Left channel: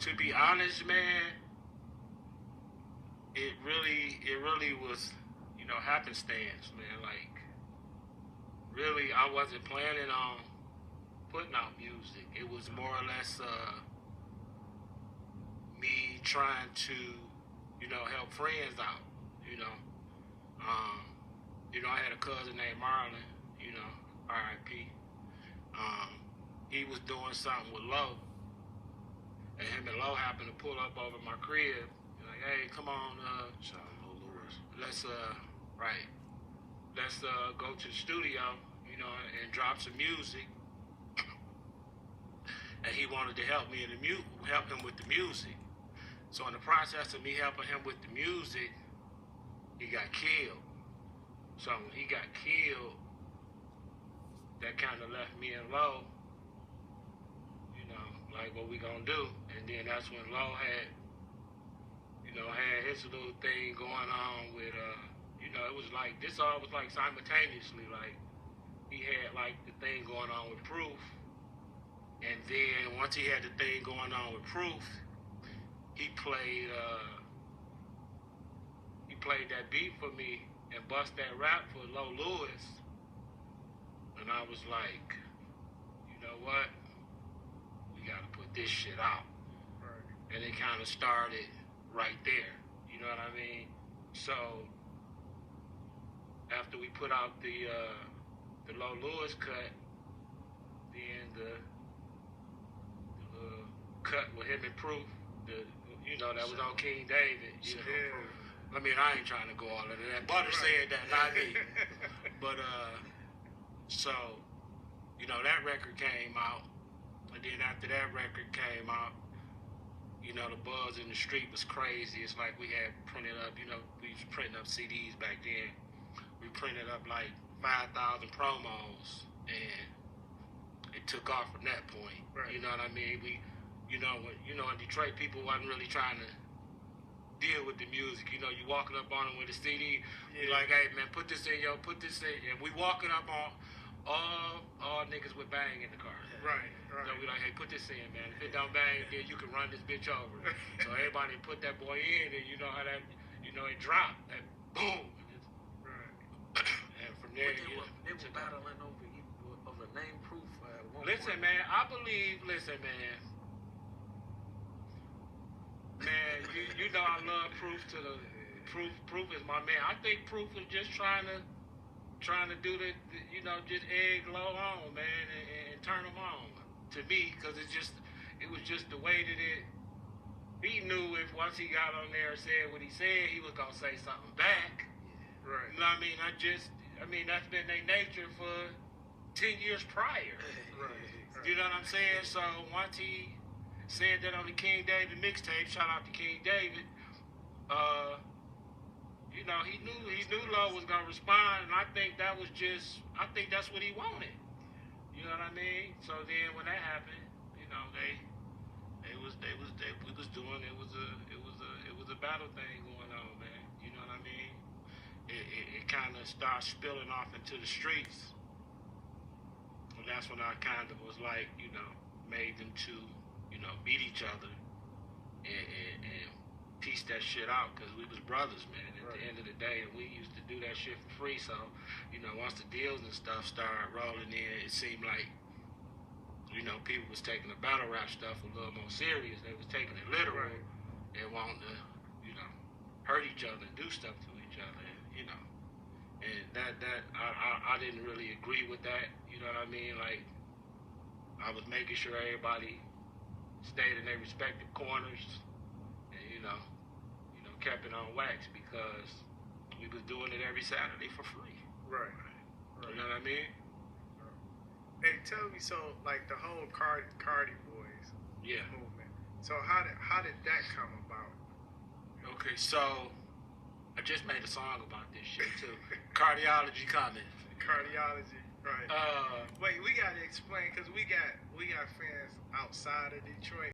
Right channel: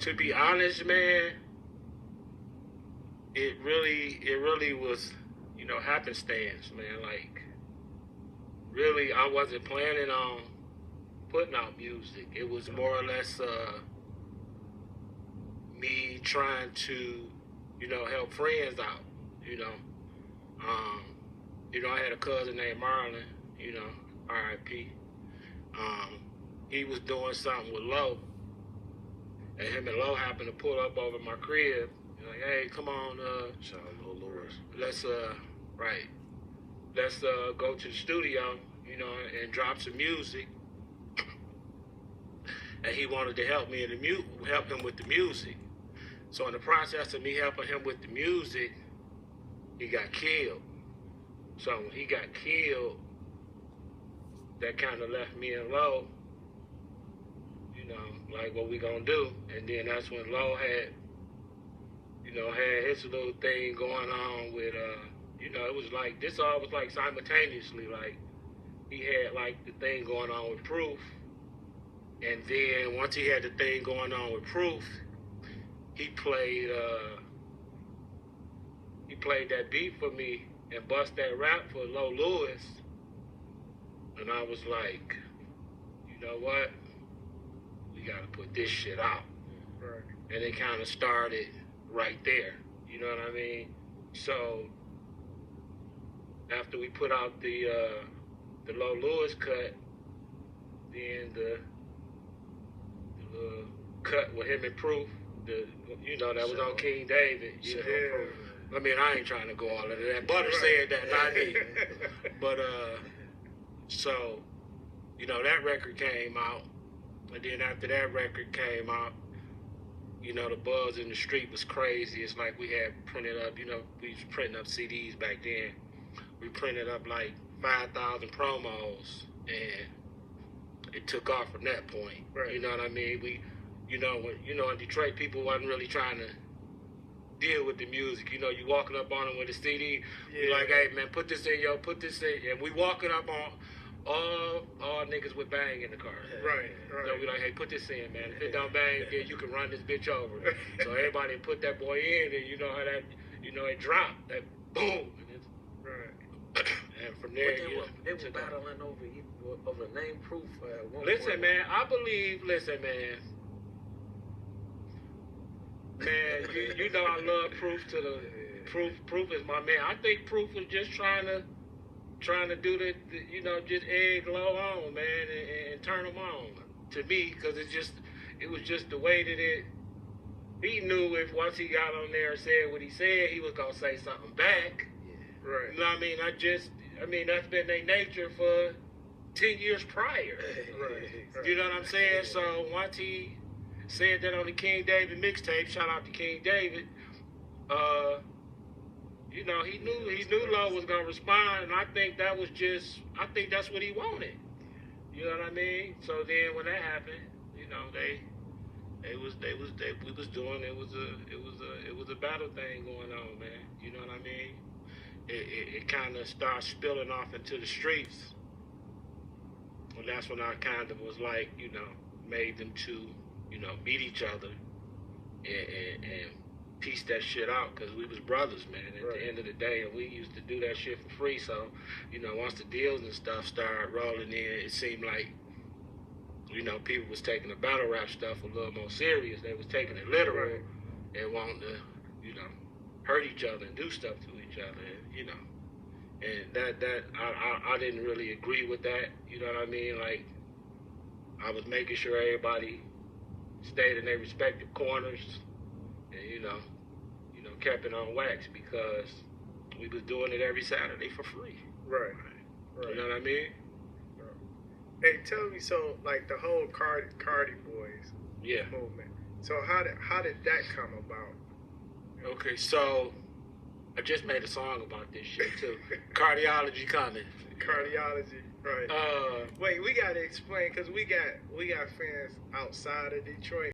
To be honest, man, it really was, you know, happenstance, man. Like, really, I wasn't planning on putting out music. It was more or less me trying to, you know, help friends out, you know. You know, I had a cousin named Marlon, you know, R.I.P. He was doing something with Loe, and him and Loe happened to pull up over my crib. Like, hey, come on, shout out Loe Louis. let's go to the studio, you know, and drop some music. And he wanted to help me help him with the music. So in the process of me helping him with the music, he got killed. So when he got killed, that kind of left me and Loe, you know, like, what we gonna do? And then that's when Loe had, you know, had his little thing going on with, you know, it was like, this all was like simultaneously. Like, he had like the thing going on with Proof. And then once he had the thing going on with Proof, he played that beat for me and bust that rap for Loe Louis. And I was like, you know what? We gotta put this shit out. Right. And it kind of started right there. You know what I mean? So after we put out the Loe Louis cut, then the cut with him and Proof, you know, that was on King David. You know, I mean, I ain't trying to go all into that. Butter said that, not me. But so, you know, that record came out, and then after that record came out, you know, the buzz in the street was crazy. It's like we had printed up, you know, we was printing up CDs back then. We printed up like 5,000 promos, and it took off from that point. Right. You know what I mean? In Detroit, people wasn't really trying to deal with the music. You know, you walking up on them with a CD, you like, hey man, put this in, and we walking up on all niggas with bang in the car. Right. So we like, hey, put this in, man. If it don't bang, then you can run this bitch over. So everybody put that boy in, and you know how that, you know, it dropped, that boom. Right. And from there, they were battling over name Proof at one listen, point. man, I believe, man, you know I love Proof to the Proof is my man. I think Proof was just trying to do the you know, just egg Loe on, man, and turn him on to me, because it was just the way that he knew if once he got on there and said what he said, he was gonna say something back. Right. You know what I mean? That's been their nature for 10 years prior. Right. You know what I'm saying? So once he said that on the King David mixtape, shout out to King David, you know, he knew Loe was gonna respond, and I think that's what he wanted. You know what I mean? So then when that happened, you know, it was a battle thing going on, man. You know what I mean? It kind of started spilling off into the streets. And that's when I kind of was like, you know, made them to, you know, meet each other and piece that shit out, because we was brothers, man, at the end of the day, and we used to do that shit for free. So, you know, once the deals and stuff started rolling in, it seemed like, you know, people was taking the battle rap stuff a little more serious. They was taking it literal and wanting to, you know, hurt each other and do stuff to each other, and, you know. And I didn't really agree with that, you know what I mean? Like, I was making sure everybody stayed in their respective corners and, you know, kept it on wax, because we was doing it every Saturday for free. Right. You know what I mean? Hey, tell me, so like the whole Cardi Boyz movement. So how did that come about? Okay, so I just made a song about this shit too. Cardiology coming. Cardiology, right? Wait, we gotta explain, because we got fans outside of Detroit.